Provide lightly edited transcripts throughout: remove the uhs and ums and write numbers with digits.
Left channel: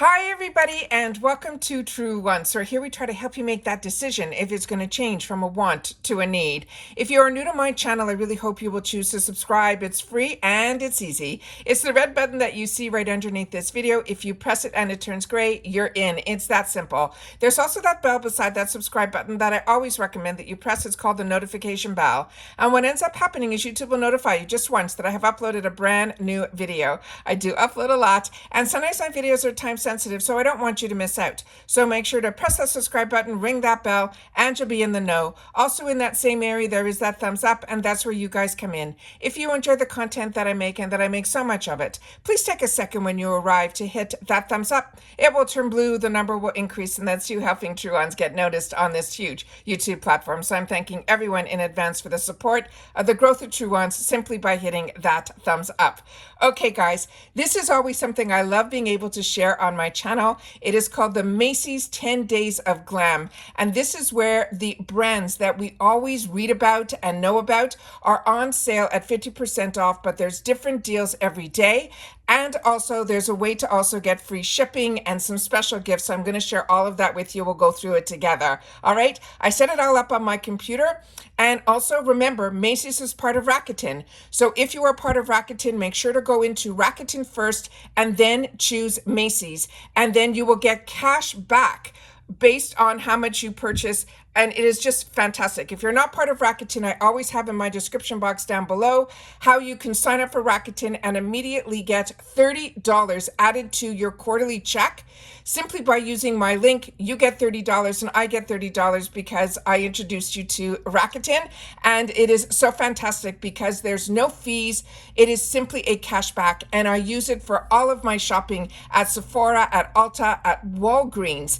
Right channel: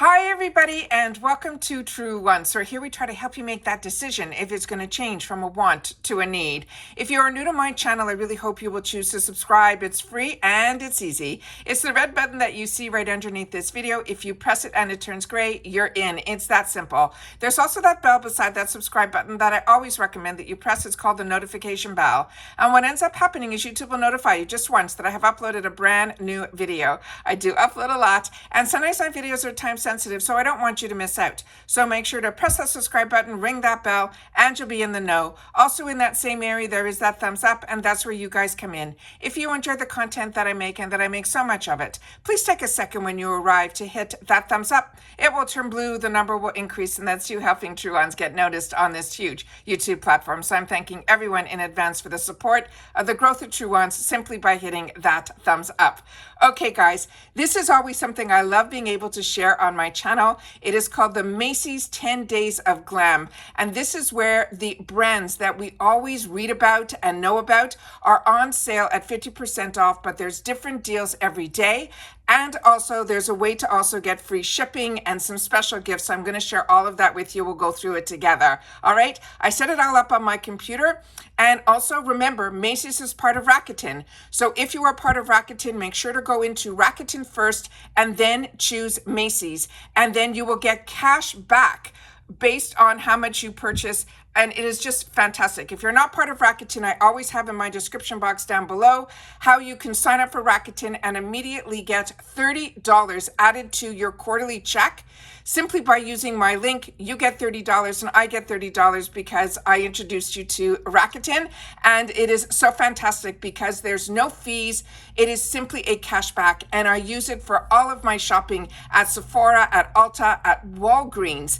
Hi everybody and welcome to True One. So here we try to help you make that decision if it's going to change from a want to a need. If you are new to my channel, I really hope you will choose to subscribe. It's free and it's easy. It's the red button that you see right underneath this video. If you press it and it turns gray, you're in. It's that simple. There's also that bell beside that subscribe button that I always recommend that you press. It's called the notification bell. And what ends up happening is YouTube will notify you just once that I have uploaded a brand new video. I do upload a lot, and sometimes my videos are time sensitive, so I don't want you to miss out. So make sure to press that subscribe button, ring that bell, and you'll be in the know. Also in that same area, there is that thumbs up, and that's where you guys come in. If you enjoy the content that I make and that I make so much of it, please take a second when you arrive to hit that thumbs up. It will turn blue, the number will increase, and that's you helping True Ones get noticed on this huge YouTube platform. So I'm thanking everyone in advance for the support of the growth of True Ones simply by hitting that thumbs up. Okay, guys, this is always something I love being able to share on my channel. It is called the Macys 10 Days of Glam. And this is where the brands that we always read about and know about are on sale at 50% off, but there's different deals every day. And also there's a way to also get free shipping and some special gifts. So I'm going to share all of that with you. We'll go through it together. All right. I set it all up on my computer. And also remember, Macys is part of Rakuten. So if you are part of Rakuten, make sure to go into Rakuten first and then choose Macys. And then you will get cash back based on how much you purchase. And it is just fantastic. If you're not part of Rakuten, I always have in my description box down below how you can sign up for Rakuten and immediately get $30 added to your quarterly check. Simply by using my link, you get $30 and I get $30 because I introduced you to Rakuten. And it is so fantastic because there's no fees. It is simply a cashback. And I use it for all of my shopping at Sephora, at Ulta, at Walgreens.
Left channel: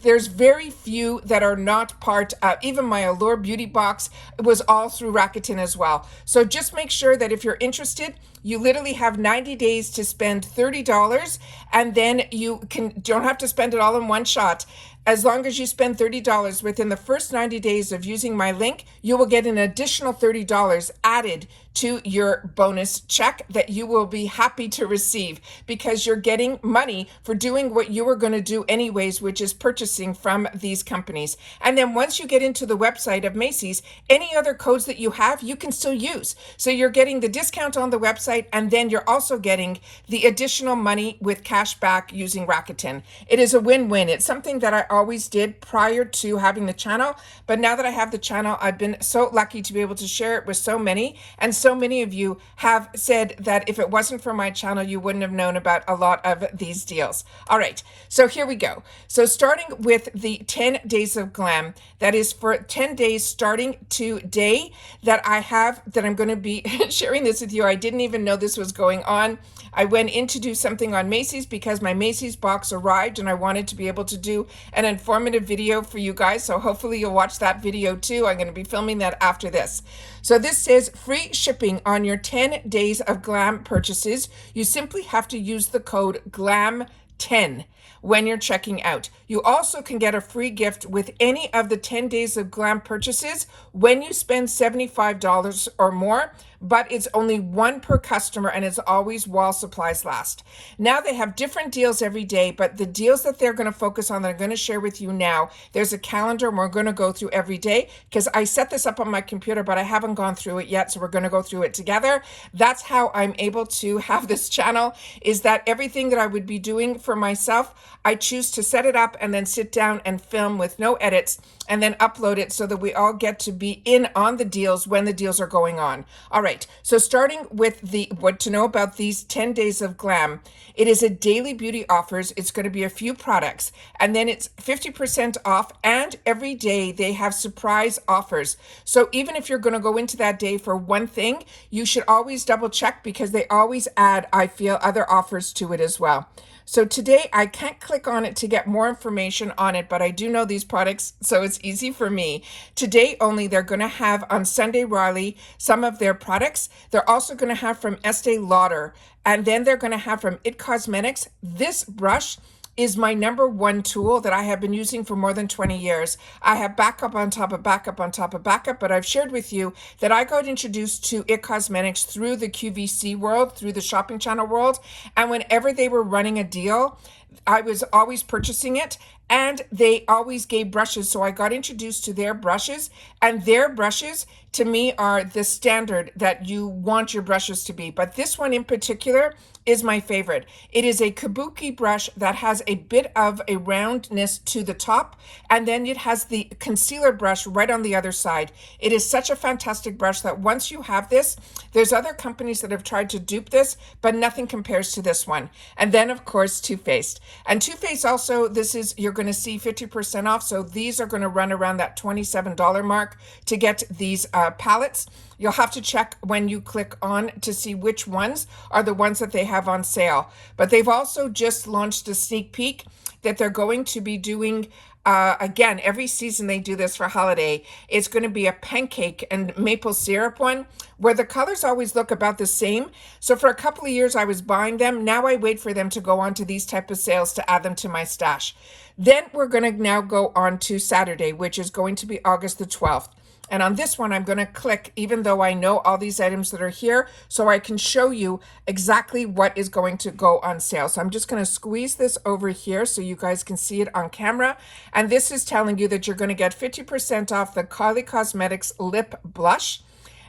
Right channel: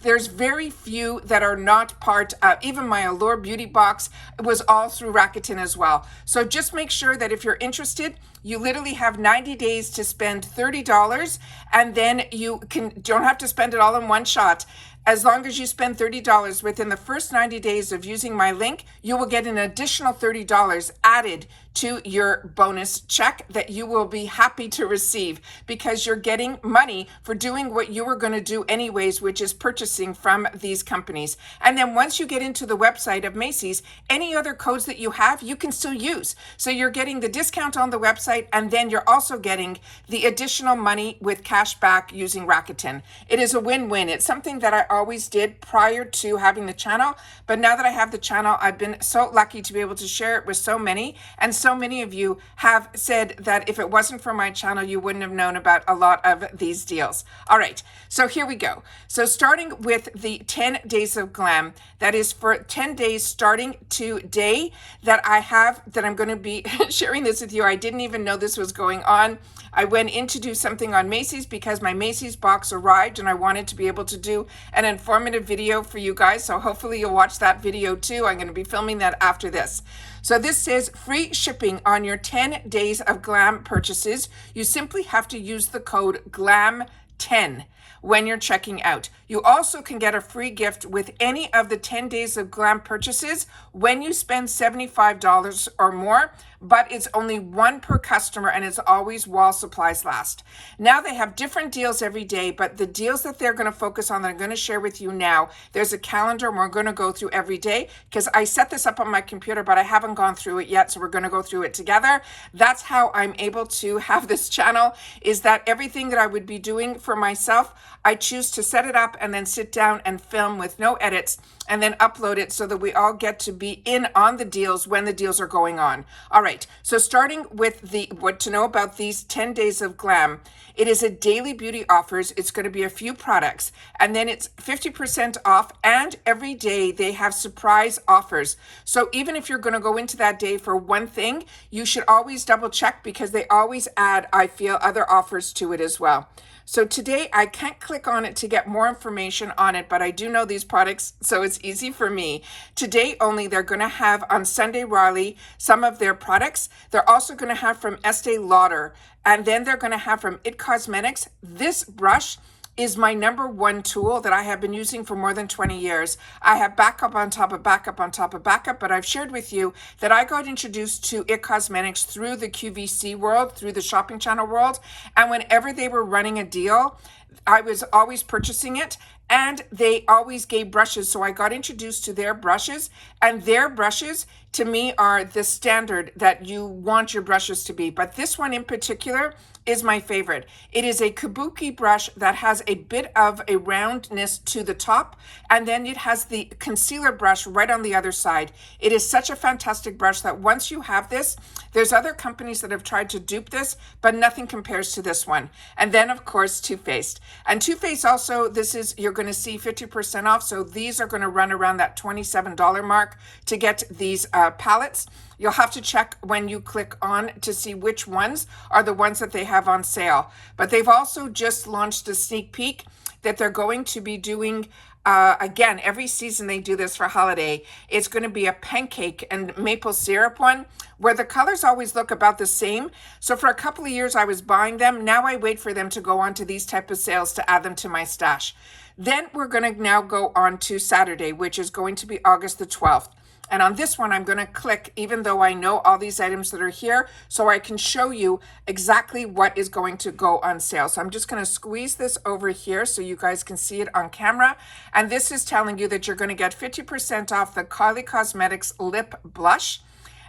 There's very few that are not part of, even my Allure beauty box was all through Rakuten as well. So just make sure that if you're interested, you literally have 90 days to spend $30, and then you don't have to spend it all in one shot. As long as you spend $30 within the first 90 days of using my link, you will get an additional $30 added to your bonus check that you will be happy to receive because you're getting money for doing what you were going to do anyways, which is purchasing from these companies. And then once you get into the website of Macys, any other codes that you have, you can still use. So you're getting the discount on the website, and then you're also getting the additional money with cash back using Rakuten. It is a win-win. It's something that I always did prior to having the channel, but now that I have the channel, I've been so lucky to be able to share it with so many, and so many of you have said that if it wasn't for my channel, you wouldn't have known about a lot of these deals. All right, so here we go. So starting with the 10 Days of Glam, that is for 10 days starting today that I'm going to be sharing this with you. I didn't even know this was going on. I went in to do something on Macys because my Macys box arrived and I wanted to be able to do an informative video for you guys. So hopefully you'll watch that video too. I'm going to be filming that after this. So this says free shipping on your 10 Days of Glam purchases. You simply have to use the code GLAM10 when you're checking out. You also can get a free gift with any of the 10 Days of Glam purchases when you spend $75 or more, but it's only one per customer and it's always while supplies last. Now they have different deals every day, but the deals that they're going to focus on that I'm going to share with you now, there's a calendar and we're going to go through every day because I set this up on my computer, but I haven't gone through it yet. So we're going to go through it together. That's how I'm able to have this channel, is that everything that I would be doing for myself, I choose to set it up and then sit down and film with no edits and then upload it so that we all get to be in on the deals when the deals are going on. All right, so starting with what to know about these 10 Days of Glam, it is a daily beauty offers. It's going to be a few products, and then it's 50% off, and every day they have surprise offers. So even if you're going to go into that day for one thing, you should always double check because they always add, I feel, other offers to it as well. So today I can't click on it to get more information on it, but I do know these products, so it's easy for me. Today only, they're going to have on Sunday Riley some of their products. They're also going to have from Estee Lauder, and then they're going to have from It Cosmetics this brush. is my number one tool that I have been using for more than 20 years. I have backup on top of backup on top of backup, but I've shared with you that I got introduced to IT Cosmetics through the QVC world, through the shopping channel world. And whenever they were running a deal, I was always purchasing it, and they always gave brushes. So I got introduced to their brushes, and their brushes to me are the standard that you want your brushes to be. But this one in particular is my favorite. It is a kabuki brush that has a bit of a roundness to the top, and then it has the concealer brush right on the other side. It is such a fantastic brush that once you have this, there's other companies that have tried to dupe this, but nothing compares to this one. And then of course, Too Faced. And Too Faced also, this is, you're going to see 50% off. So these are going to run around that $27 mark to get these palettes. You'll have to check when you click on to see which ones are the ones that they have on sale. But they've also just launched a sneak peek that they're going to be doing again, every season they do this for holiday. It's going to be a pancake and maple syrup one where the colors always look about the same. So for a couple of years I was buying them. Now I wait for them to go on to these type of sales to add them to my stash. Then we're going to now go on to Saturday, which is going to be August the 12th. And on this one, I'm going to click, even though I know all these items that are here, so I can show you exactly what is going to go on sale. So I'm just going to squeeze this over here so you guys can see it on camera. And this is telling you that you're going to get 50% off the Kylie Cosmetics Lip Blush.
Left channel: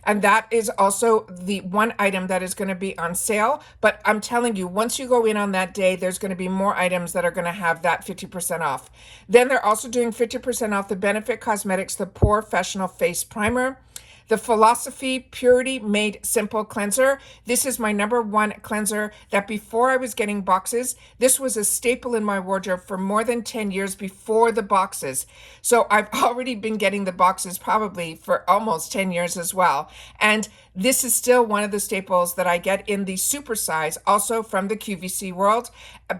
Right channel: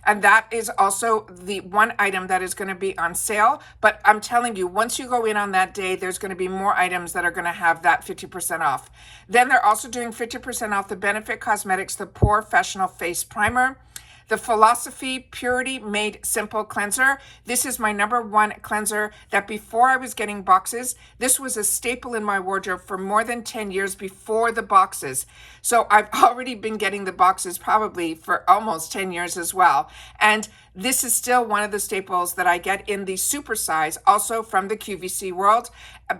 And that is also the one item that is going to be on sale. But I'm telling you, once you go in on that day, there's going to be more items that are going to have that 50% off. Then they're also doing 50% off the Benefit Cosmetics, the Professional Face Primer. The Philosophy Purity Made Simple Cleanser. This is my number one cleanser that before I was getting boxes, this was a staple in my wardrobe for more than 10 years before the boxes. So I've already been getting the boxes probably for almost 10 years as well. And this is still one of the staples that I get in the super size, also from the QVC world.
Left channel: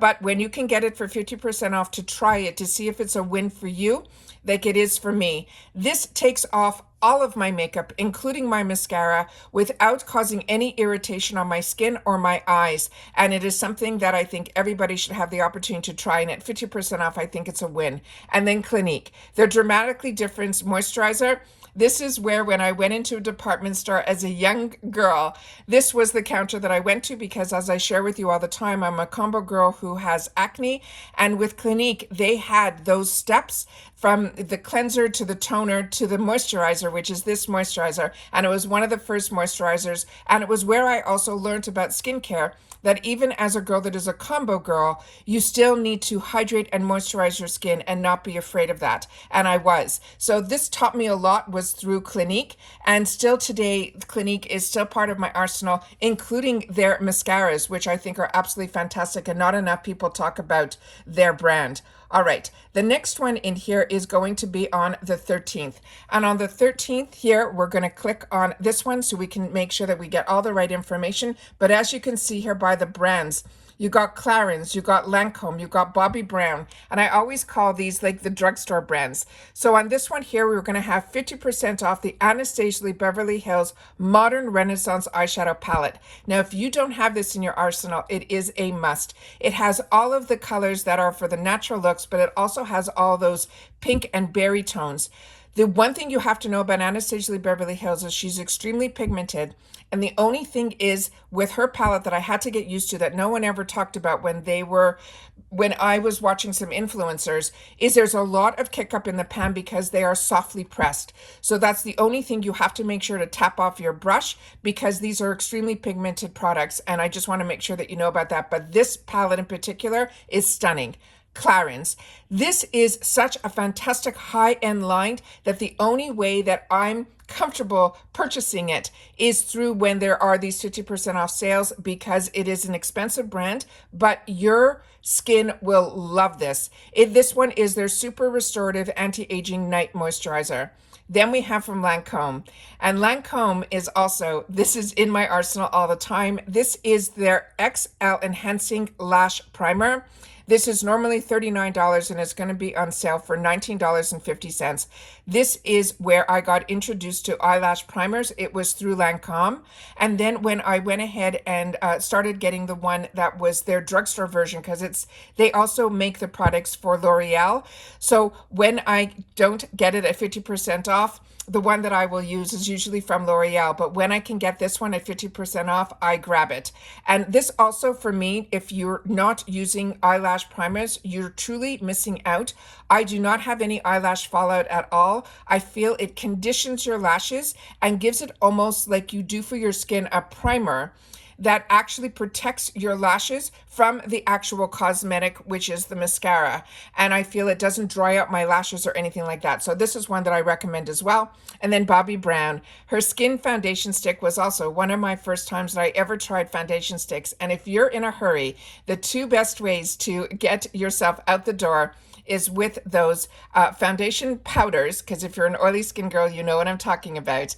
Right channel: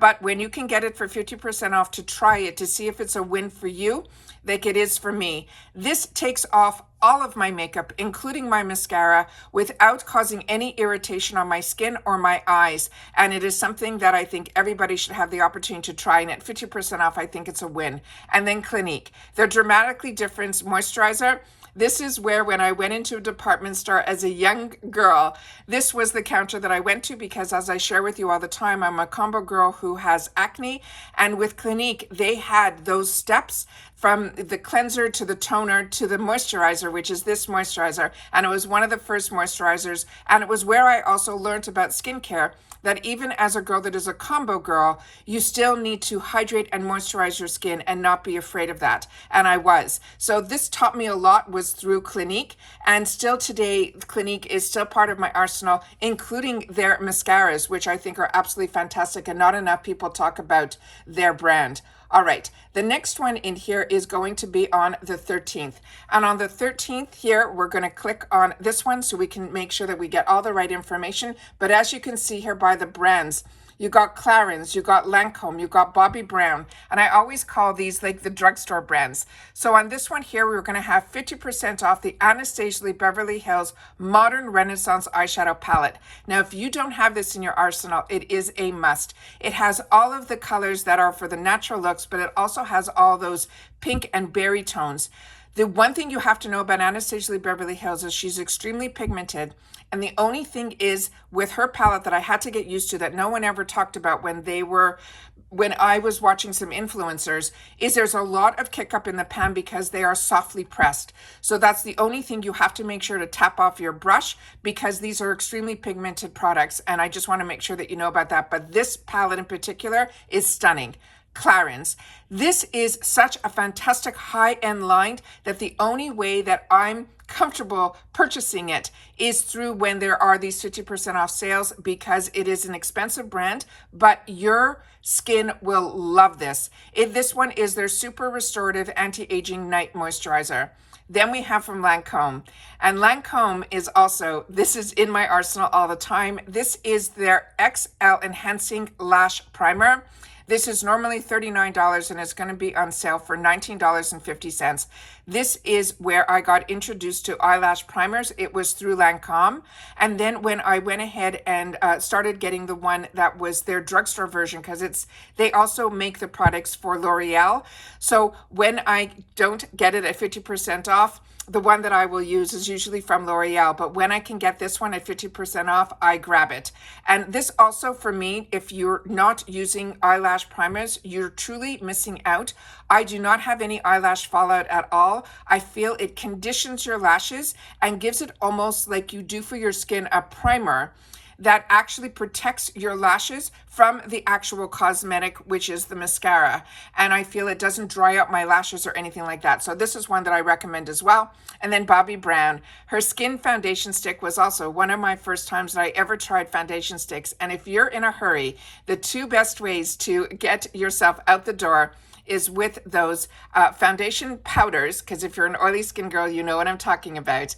But when you can get it for 50% off to try it, to see if it's a win for you, like it is for me. This takes off all of my makeup, including my mascara, without causing any irritation on my skin or my eyes. And it is something that I think everybody should have the opportunity to try. And at 50% off, I think it's a win. And then Clinique, their Dramatically Different Moisturizer. This is where when I went into a department store as a young girl, this was the counter that I went to because, as I share with you all the time, I'm a combo girl who has acne. And with Clinique, they had those steps from the cleanser to the toner to the moisturizer, which is this moisturizer. And it was one of the first moisturizers. And it was where I also learned about skincare, that even as a girl that is a combo girl, you still need to hydrate and moisturize your skin and not be afraid of that. And I was. So this taught me a lot was through Clinique. And still today, Clinique is still part of my arsenal, including their mascaras, which I think are absolutely fantastic. And not enough people talk about their brand. All right, the next one in here is going to be on the 13th. And on the 13th here, we're going to click on this one so we can make sure that we get all the right information. But as you can see here by the brands, you got Clarins, you got Lancome, you got Bobbi Brown, and I always call these like the drugstore brands. So on this one here, we're going to have 50% off the Anastasia Beverly Hills Modern Renaissance Eyeshadow Palette. Now, if you don't have this in your arsenal, it is a must. It has all of the colors that are for the natural looks, but it also has all those pink and berry tones. The one thing you have to know about Anastasia Beverly Hills is she's extremely pigmented. And the only thing is with her palette that I had to get used to that no one ever talked about when I was watching some influencers, is there's a lot of kick up in the pan because they are softly pressed. So that's the only thing you have to make sure to tap off your brush, because these are extremely pigmented products. And I just want to make sure that you know about that. But this palette in particular is stunning. Clarins. This is such a fantastic high-end line that the only way that I'm comfortable purchasing it is through when there are these 50% off sales, because it is an expensive brand, but your skin will love this. This one is their super restorative anti-aging night moisturizer. Then we have from Lancome, and Lancome is also, this is in my arsenal all the time. This is their XL Enhancing Lash Primer. This is normally $39 and it's going to be on sale for $19.50. This is where I got introduced to eyelash primers. It was through Lancome. And then when I went ahead and started getting the one that was their drugstore version, because they also make the products for L'Oreal. So when I don't get it at 50% off, the one that I will use is usually from L'Oreal, but when I can get this one at 50% off, I grab it. And this also, for me, if you're not using eyelash primers, you're truly missing out. I do not have any eyelash fallout at all. I feel it conditions your lashes and gives it almost like you do for your skin a primer that actually protects your lashes from the actual cosmetic, which is the mascara. And I feel it doesn't dry out my lashes or anything like that. So this is one that I recommend as well. And then Bobbi Brown, her skin foundation stick was also one of my first times that I ever tried foundation sticks. And if you're in a hurry, the two best ways to get yourself out the door is with those foundation powders, because if you're an oily skin girl, you know what I'm talking about.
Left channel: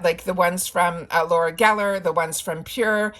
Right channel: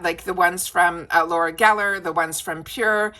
Like the ones from Laura Geller, the ones from Pure,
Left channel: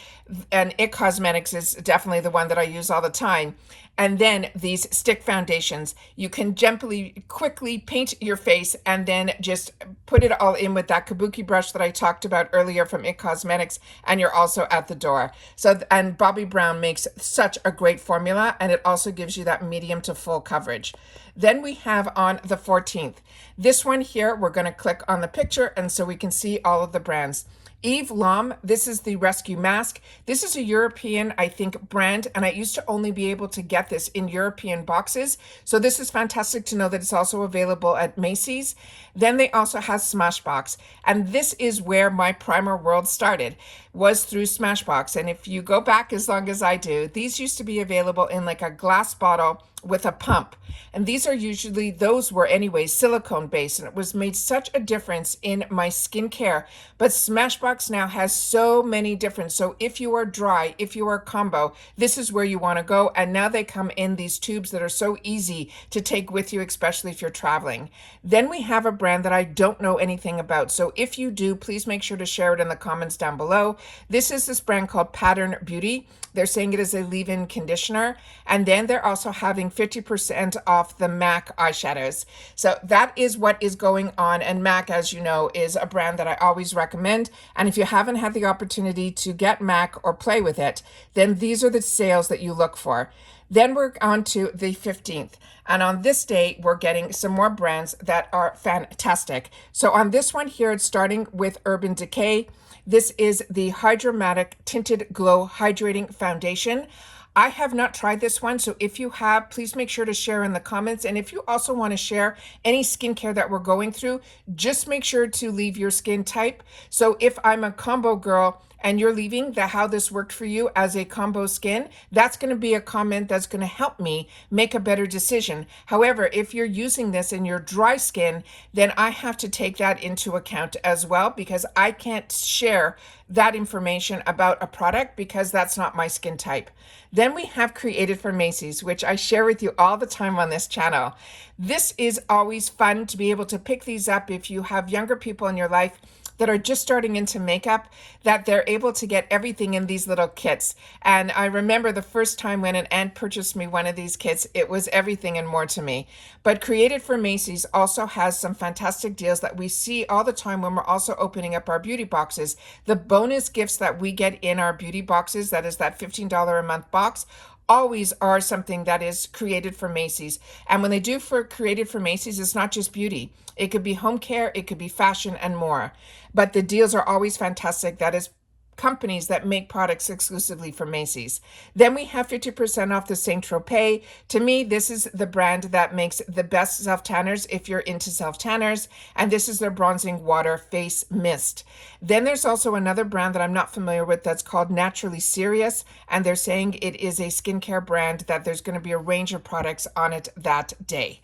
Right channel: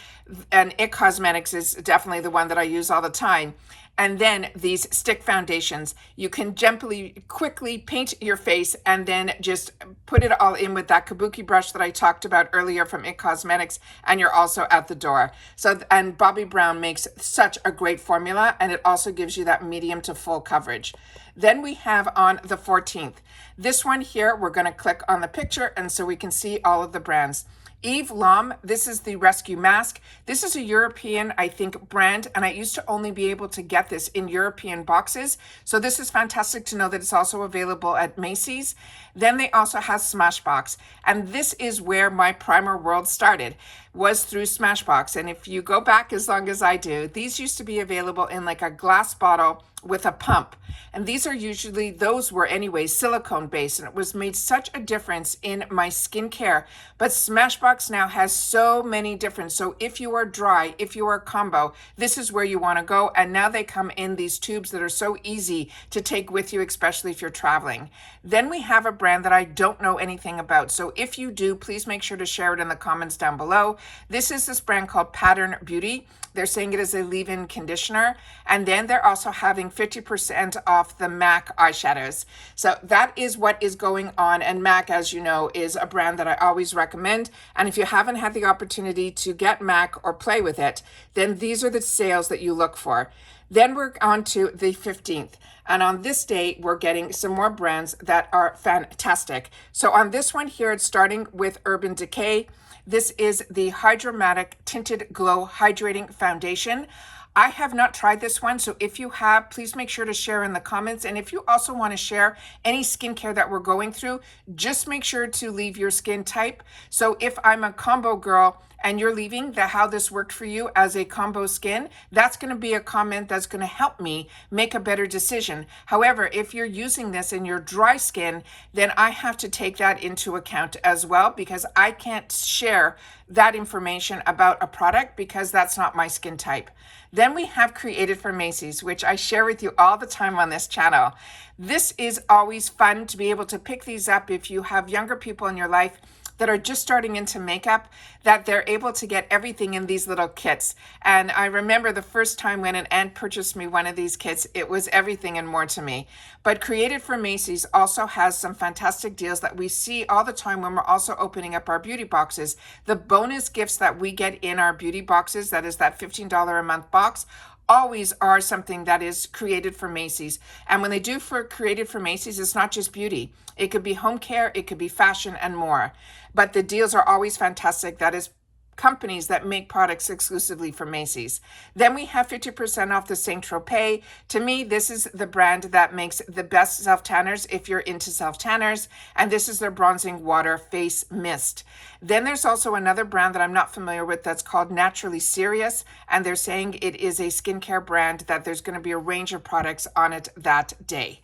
and It Cosmetics is definitely the one that I use all the time. And then these stick foundations, you can gently, quickly paint your face and then just put it all in with that kabuki brush that I talked about earlier from It Cosmetics, and you're also out the door. So, and Bobbi Brown makes such a great formula, and it also gives you that medium to full coverage. Then we have on the 14th, this one here, we're going to click on the picture, and so we can see all of the brands. Yves L'Homme, this is the Rescue Mask. This is a European, I think, brand, and I used to only be able to get this in European boxes. So this is fantastic to know that it's also available at Macys. Then they also have Smashbox, and this is where my primer world started, was through Smashbox. And if you go back as long as I do, these used to be available in like a glass bottle with a pump. And these are usually, those were anyway, silicone based, and it was made such a difference in my skincare. But Smashbox now has so many different, so if you are dry, if you are combo, this is where you want to go. And now they come in these tubes that are so easy to take with you, especially if you're traveling. Then we have a brand that I don't know anything about. So if you do, please make sure to share it in the comments down below. This is this brand called Pattern Beauty. They're saying it is a leave-in conditioner. And then they're also having 50% off the MAC eyeshadows. So that is what is going on. And MAC, as you know, is a brand that I always recommend. And if you haven't had the opportunity to get MAC or play with it, then these are the sales that you look for. Then we're on to the 15th. And on this day, we're getting some more brands that are fantastic. So on this one here, it's starting with Urban Decay. This is the Hydromatic Tinted Glow Hydrating Foundation. I have not tried this one, so if you have, please make sure to share in the comments. And if you also want to share any skincare that we're going through, just make sure to leave your skin type. So if I'm a combo girl and you're leaving how this worked for you as a combo skin, that's going to be a comment that's going to help me make a better decision. However, if you're using this in your dry skin, then I have to take that into account as well, because I can't share that information about a product because that's not my skin type. Then we have Created for Macys, which I share with you all the time on this channel. This is always fun to be able to pick these up if you have younger people in your life that are just starting into makeup, that they're able to get everything in these little kits. And I remember the first time when an aunt purchased me one of these kits, it was everything and more to me. But Created for Macys also has some fantastic deals that we see all the time when we're also opening up our beauty boxes. The bonus gifts that we get in our beauty boxes, that is that $15 a month box, always are something that is created for Macys. And when they do for Created for Macys, it's not just beauty. It could be home care, it could be fashion and more. But the deals are always fantastic. That is companies that make products exclusively for Macys. Then we have 50% off the Saint Tropez. To me, this is the brand that makes the best self-tanners if you're into self-tanners. And this is their Bronzing Water Face Mist. Then there's also another brand that I'm not familiar with that's called Naturally Serious. And they're saying it is a skincare brand that there's going to be a range of products on it that day.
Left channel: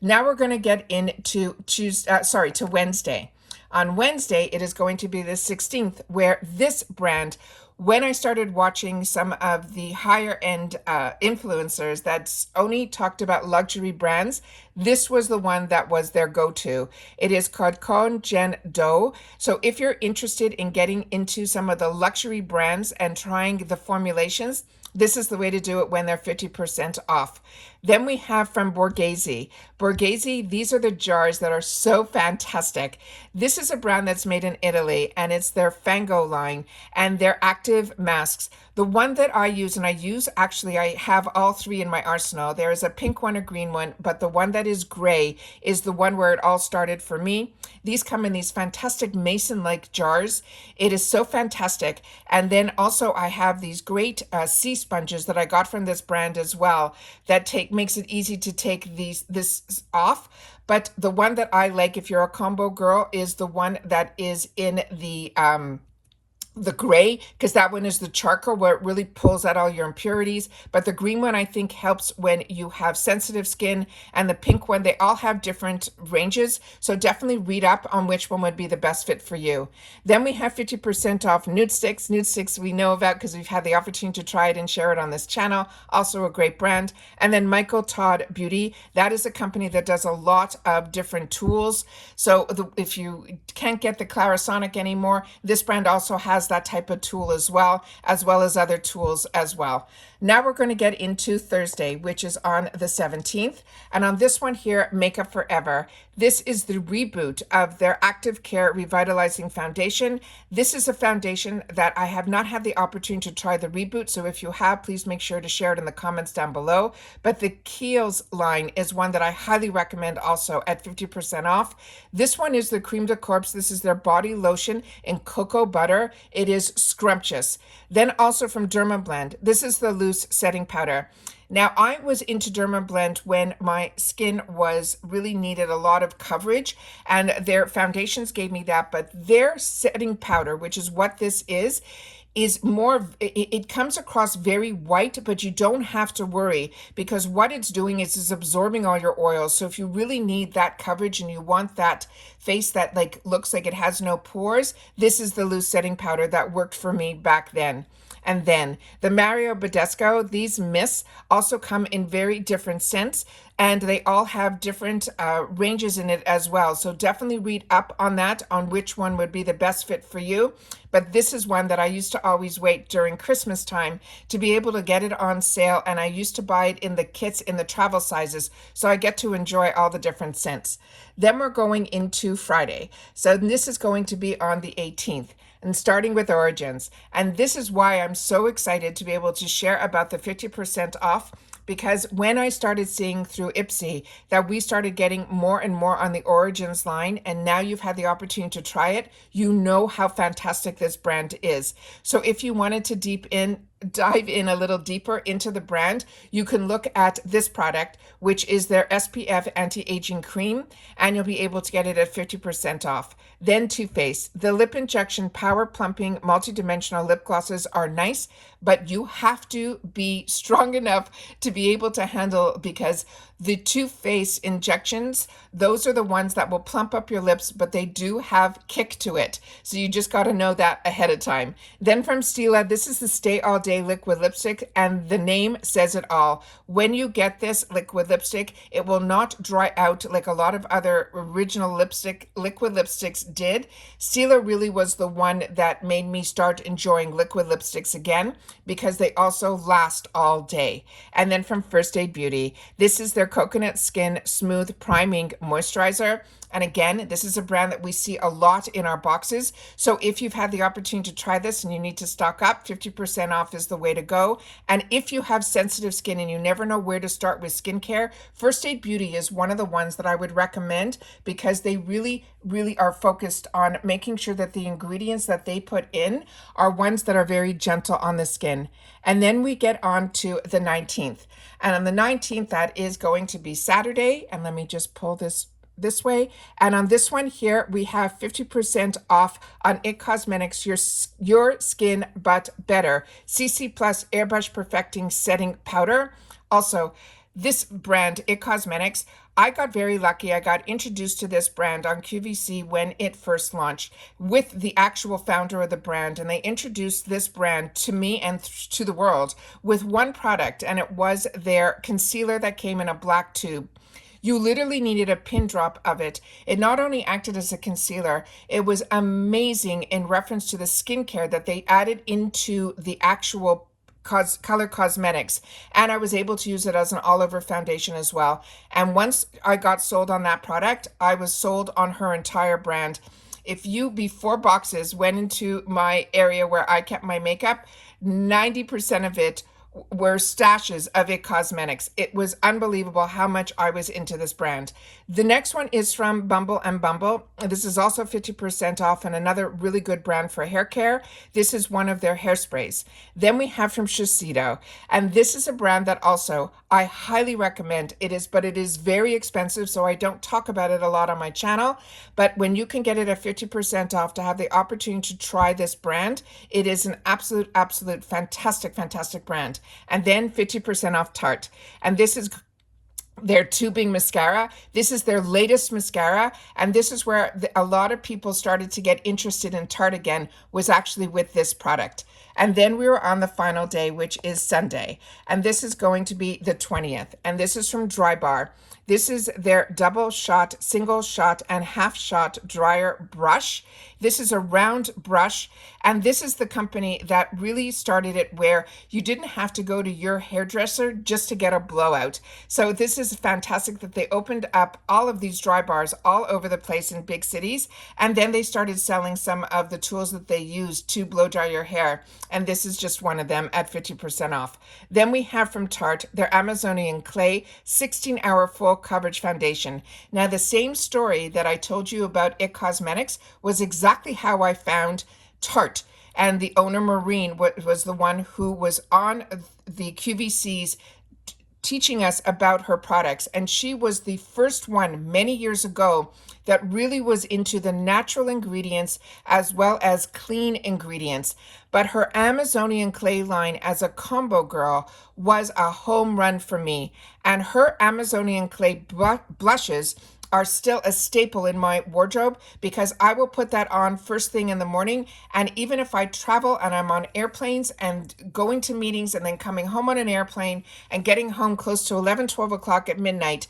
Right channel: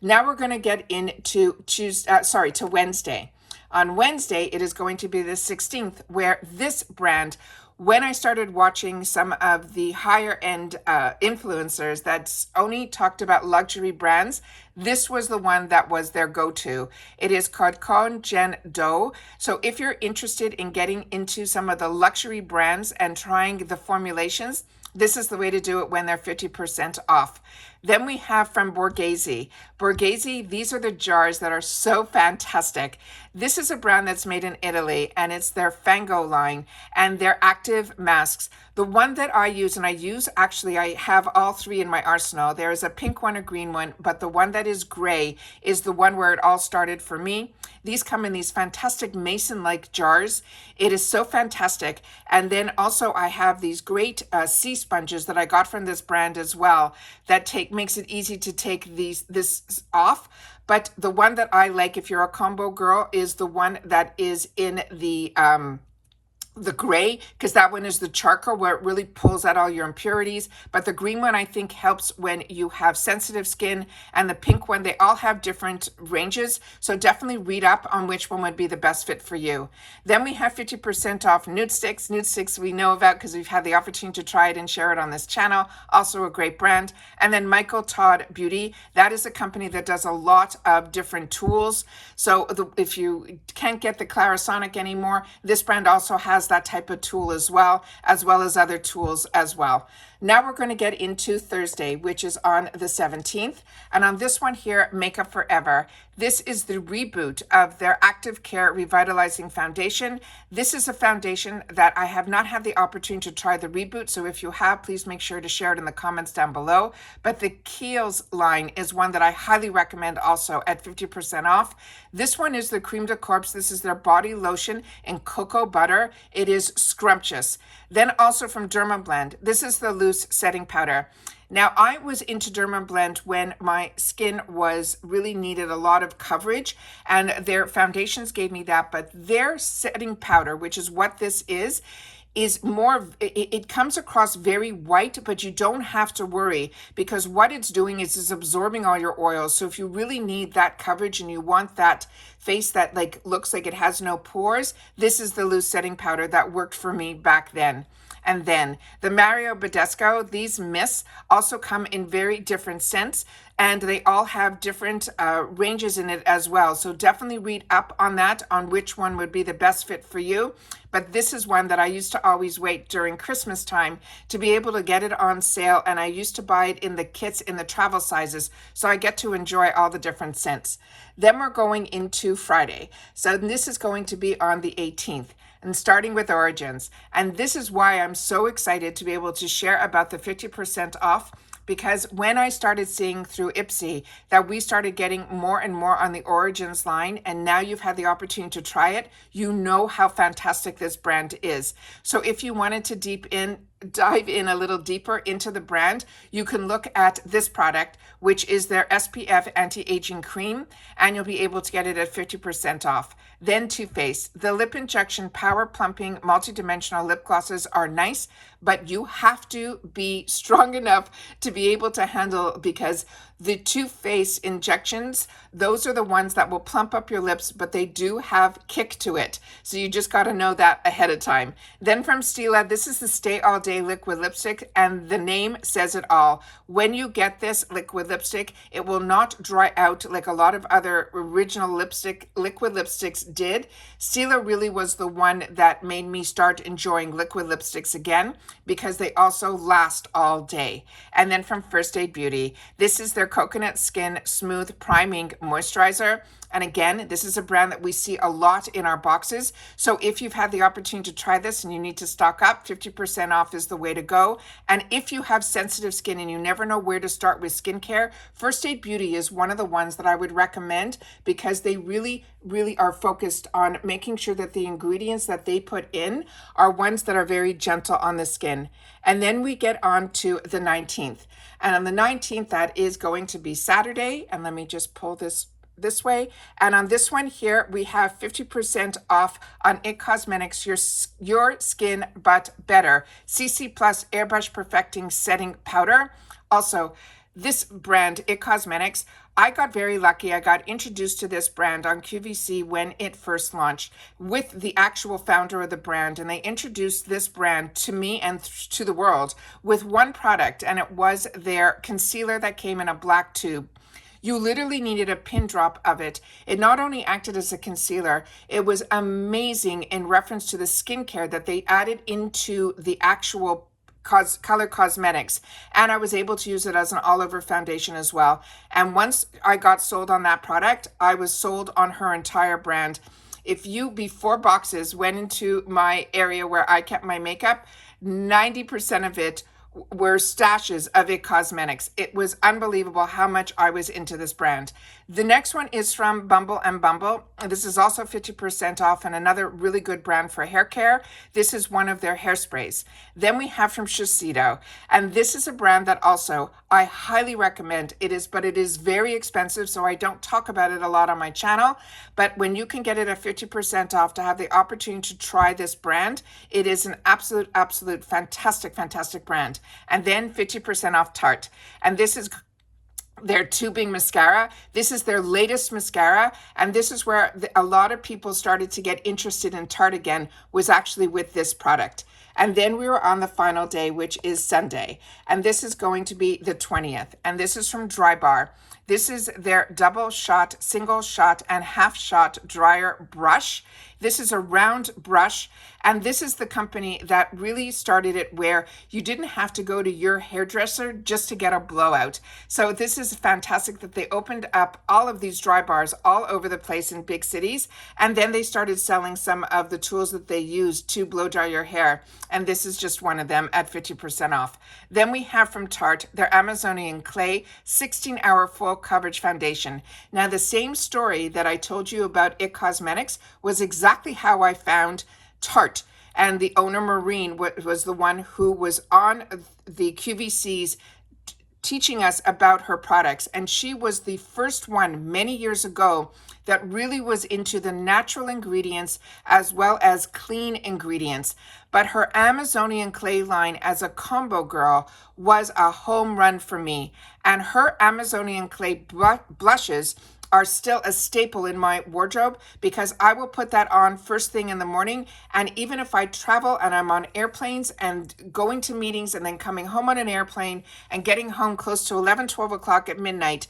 Now we're going to get into Wednesday. On Wednesday, it is going to be the 16th, where this brand, when I started watching some of the higher end influencers that only talked about luxury brands, this was the one that was their go-to. It is called Con Gen Do. So if you're interested in getting into some of the luxury brands and trying the formulations, This is the way to do it when they're 50% off. Then we have from Borghese. Borghese, these are the jars that are so fantastic. This is a brand that's made in Italy, and it's their Fango line and their active masks. The one that I use, and I have all three in my arsenal. There is a pink one, a green one, but the one that is gray is the one where it all started for me. These come in these fantastic mason-like jars. It is so fantastic. And then also I have these great sea sponges that I got from this brand as well that makes it easy to take this off. But the one that I like, if you're a combo girl, is the one that is in the gray, because that one is the charcoal where it really pulls out all your impurities. But the green one I think helps when you have sensitive skin, and the pink one, they all have different ranges. So definitely read up on which one would be the best fit for you. Then we have 50% off Nude Sticks. Nude Sticks we know about because we've had the opportunity to try it and share it on this channel. Also a great brand. And then Michael Todd Beauty. That is a company that does a lot of different tools. So if you can't get the Clarisonic anymore, this brand also has that type of tool as well as other tools as well. Now we're going to get into Thursday, which is on the 17th. And on this one here, Makeup Forever. This is the reboot of their Active Care Revitalizing Foundation. This is a foundation that I have not had the opportunity to try the reboot. So if you have, please make sure to share it in the comments down below. But the Kiehl's line is one that I highly recommend also at 50% off. This one is the Creme de Corps. This is their body lotion in cocoa butter. It is scrumptious. Then also from Dermablend, this is the loose setting powder. Now, I was into Dermablend when my skin really needed a lot of coverage, and their foundations gave me that, but their setting powder, which is what this is more, it comes across very white, but you don't have to worry because what it's doing is it's absorbing all your oils. So if you really need that coverage and you want that face that looks like it has no pores, this is the loose setting powder that worked for me back then. And then the Mario Badescu, these mists also come in very different scents, and they all have different ranges in it as well. So definitely read up on that, on which one would be the best fit for you. But this is one that I used to always wait during Christmas time to be able to get it on sale, and I used to buy it in the kits in the travel sizes, so I get to enjoy all the different scents. Then we're going into Friday. So this is going to be on the 18th. And starting with Origins. And this is why I'm so excited to be able to share about the 50% off, because when I started seeing through Ipsy that we started getting more and more on the Origins line, and now you've had the opportunity to try it, you know how fantastic this brand is. So if you wanted to dive in a little deeper into the brand, you can look at this product, which is their SPF anti-aging cream, and you'll be able to get it at 50% off. Then Too Faced. The lip injection power plumping multi-dimensional lip glosses are nice, but you have to be strong enough to be able to handle, because the Too Faced injections, those are the ones that will plump up your lips, but they do have kick to it. So you just got to know that ahead of time. Then from Stila, this is the Stay All Day liquid lipstick, and the name says it all. When you get this liquid lipstick, it will not dry out like a lot of other original liquid lipsticks did. Stila really was the one that made me start enjoying liquid lipsticks again, because they also last all day. And then from First Aid Beauty, this is their Coconut Skin Smooth Priming Moisturizer. And again, this is a brand that we see a lot in our boxes. So if you've had the opportunity to try this and you need to stock up, 50% off is the way to go. And if you have sensitive skin and you never know where to start with skincare, First Aid Beauty is one of the ones that I would recommend, because they really, really are focused on making sure that the ingredients that they put in are ones that are very gentle on the skin. And then we get on to the 19th. And on the 19th, that is going to be Saturday. And let me just pull this way. And on this one here, we have 50% off on IT Cosmetics, Your Skin But Better CC Plus Airbrush Perfecting Setting Powder. Also, this brand, IT Cosmetics, I got very lucky. I got introduced to this brand on QVC when it first launched with the actual founder of the brand, and they introduced this brand to me and to the world with one product, and it was their concealer that came in a black tube. You literally needed a pin drop of it. It not only acted as a concealer, it was amazing in reference to the skincare that they added into the actual color cosmetics, and I was able to use it as an all over foundation as well. And once I got sold on that product, I was sold on her entire brand. If you, before boxes, went into my area where I kept my makeup, 90% of it were stashes of IT Cosmetics. It was unbelievable how much I was into this brand. The next one is from Bumble and Bumble. This is also 50% off and another really good brand for hair care. This is one of their hairsprays. Then we have from Shiseido, and this is a brand that also I highly recommend. It is very expensive, so I don't talk about it a lot on my channel. But when you can get it at 50% off to have the opportunity to try this brand, it is an absolute fantastic brand. And then 50% off Tarte. And this is their tubing mascara. This is their latest mascara. And this is where a lot of people started to get interested in Tarte again, was actually with this product. And then we were on the final day, which is Sunday. And this is going to be the 20th. And this is from Drybar. This is their double shot, single shot, and half shot dryer brush. This is a round brush, and this is the company that really started it, where you didn't have to go to your hairdresser just to get a blowout. So this is fantastic that they opened up all of these dry bars all over the place in big cities, and then they started selling some of the tools that they use to blow dry your hair, and this is just one of them at 50% off. Then we have from Tarte their Amazonian Clay 16-hour full coverage foundation. Now, the same story that I told you about IT Cosmetics was exactly how I found Tarte. And the owner, Maureen, was the one who was on the QVCs teaching us about her products. And she was the first one many years ago that really was into the natural ingredients as well as clean ingredients. But her Amazonian Clay line as a combo girl was a home run for me. And her Amazonian Clay blushes are still a staple in my wardrobe, because I will put that on first thing in the morning. And even if I travel and I'm on airplanes and going to meetings and then coming home on an airplane and getting home close to 11, 12 o'clock at midnight,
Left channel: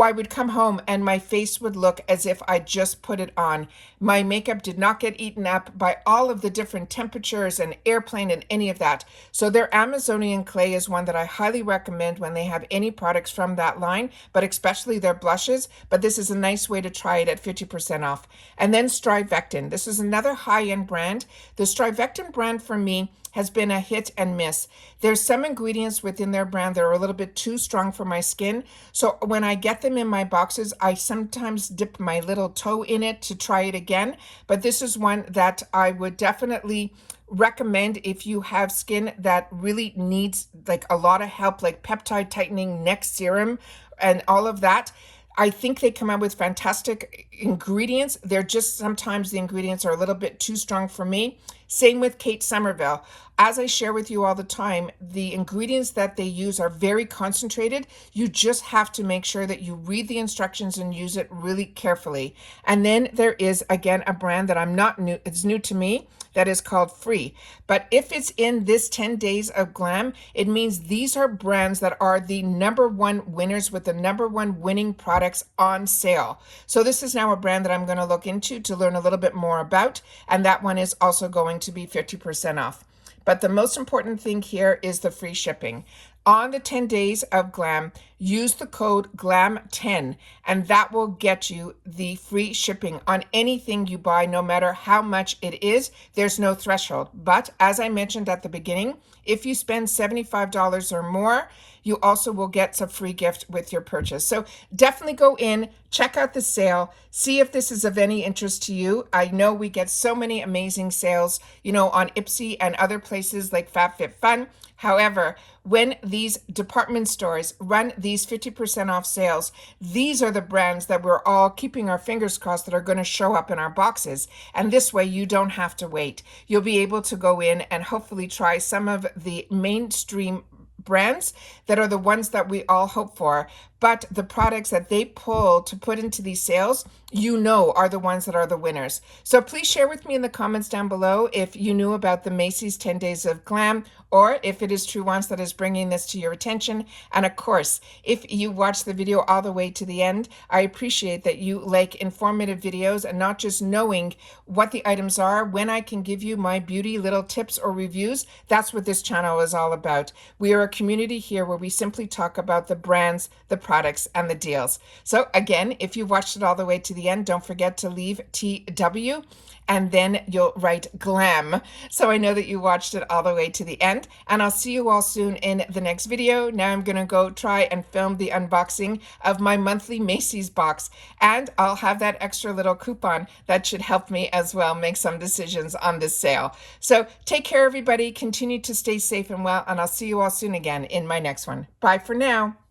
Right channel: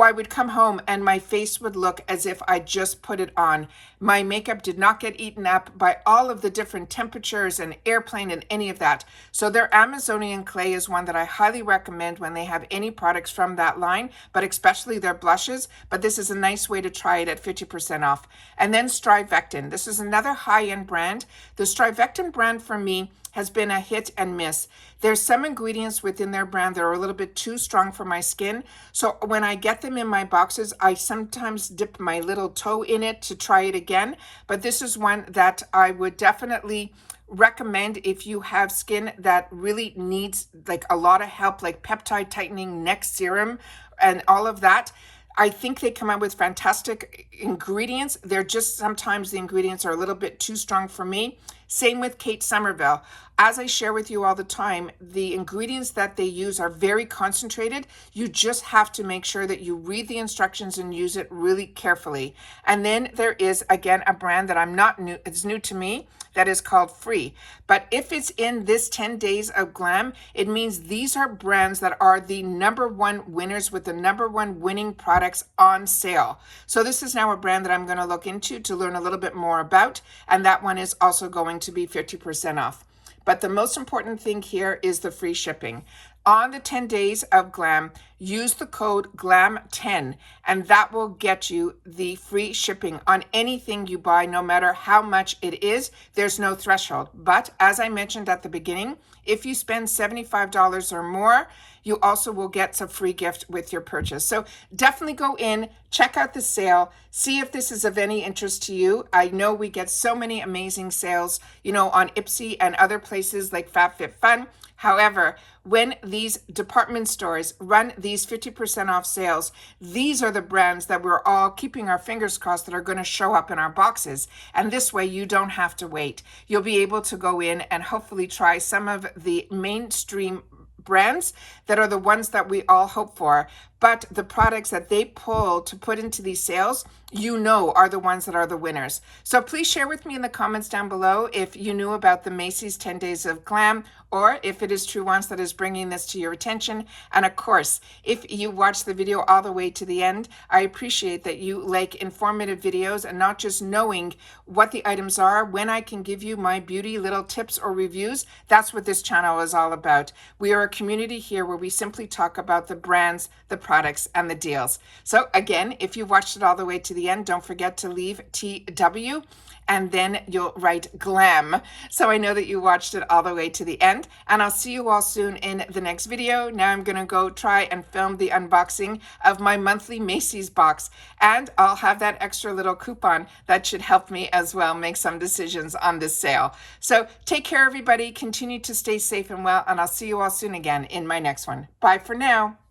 I would come home and my face would look as if I just put it on. My makeup did not get eaten up by all of the different temperatures and airplane and any of that. So their Amazonian Clay is one that I highly recommend when they have any products from that line, but especially their blushes. But this is a nice way to try it at 50% off. And then Strivectin. This is another high-end brand. The Strivectin brand for me has been a hit and miss. There's some ingredients within their brand that are a little bit too strong for my skin. So when I get them in my boxes, I sometimes dip my little toe in it to try it again. But this is one that I would definitely recommend if you have skin that really needs like a lot of help, like peptide tightening, neck serum, and all of that. I think they come out with fantastic ingredients. They're just, sometimes the ingredients are a little bit too strong for me. Same with Kate Somerville. As I share with you all the time, the ingredients that they use are very concentrated. You just have to make sure that you read the instructions and use it really carefully. And then there is, again, a brand that I'm not new, it's new to me, that is called Free. But if it's in this 10 days of Glam, it means these are brands that are the #1 winners with the #1 winning products on sale. So this is now a brand that I'm going to look into to learn a little bit more about. And that one is also going to be 50% off. But the most important thing here is the free shipping. On the 10 days of Glam, use the code GLAM10, and that will get you the free shipping on anything you buy, no matter how much it is. There's no threshold. But as I mentioned at the beginning, if you spend $75 or more, you also will get some free gift with your purchase. So definitely go in, check out the sale, see if this is of any interest to you. I know we get so many amazing sales, on Ipsy and other places like FabFitFun. However, when these department stores run these 50% off sales, these are the brands that we're all keeping our fingers crossed that are going to show up in our boxes. And this way you don't have to wait. You'll be able to go in and hopefully try some of the mainstream brands that are the ones that we all hope for, but the products that they pull to put into these sales, you know, are the ones that are the winners. So please share with me in the comments down below if you knew about the Macys 10 Days of Glam, or if it is True Wants that is bringing this to your attention. And of course, if you watch the video all the way to the end, I appreciate that you like informative videos and not just knowing what the items are. When I can give you my beauty little tips or reviews, that's what this channel is all about. We are a community here where we simply talk about the brands, the products, and the deals. So again, if you watched it all the way to the end, don't forget to leave TW and then you'll write Glam, so I know that you watched it all the way to the end. And I'll see you all soon in the next video. Now I'm gonna go try and film the unboxing of my monthly Macys box, and I'll have that extra little coupon that should help me as well make some decisions on this sale. So take care, everybody. Continue to stay safe and well, and I'll see you all soon again in my next one. Bye for now.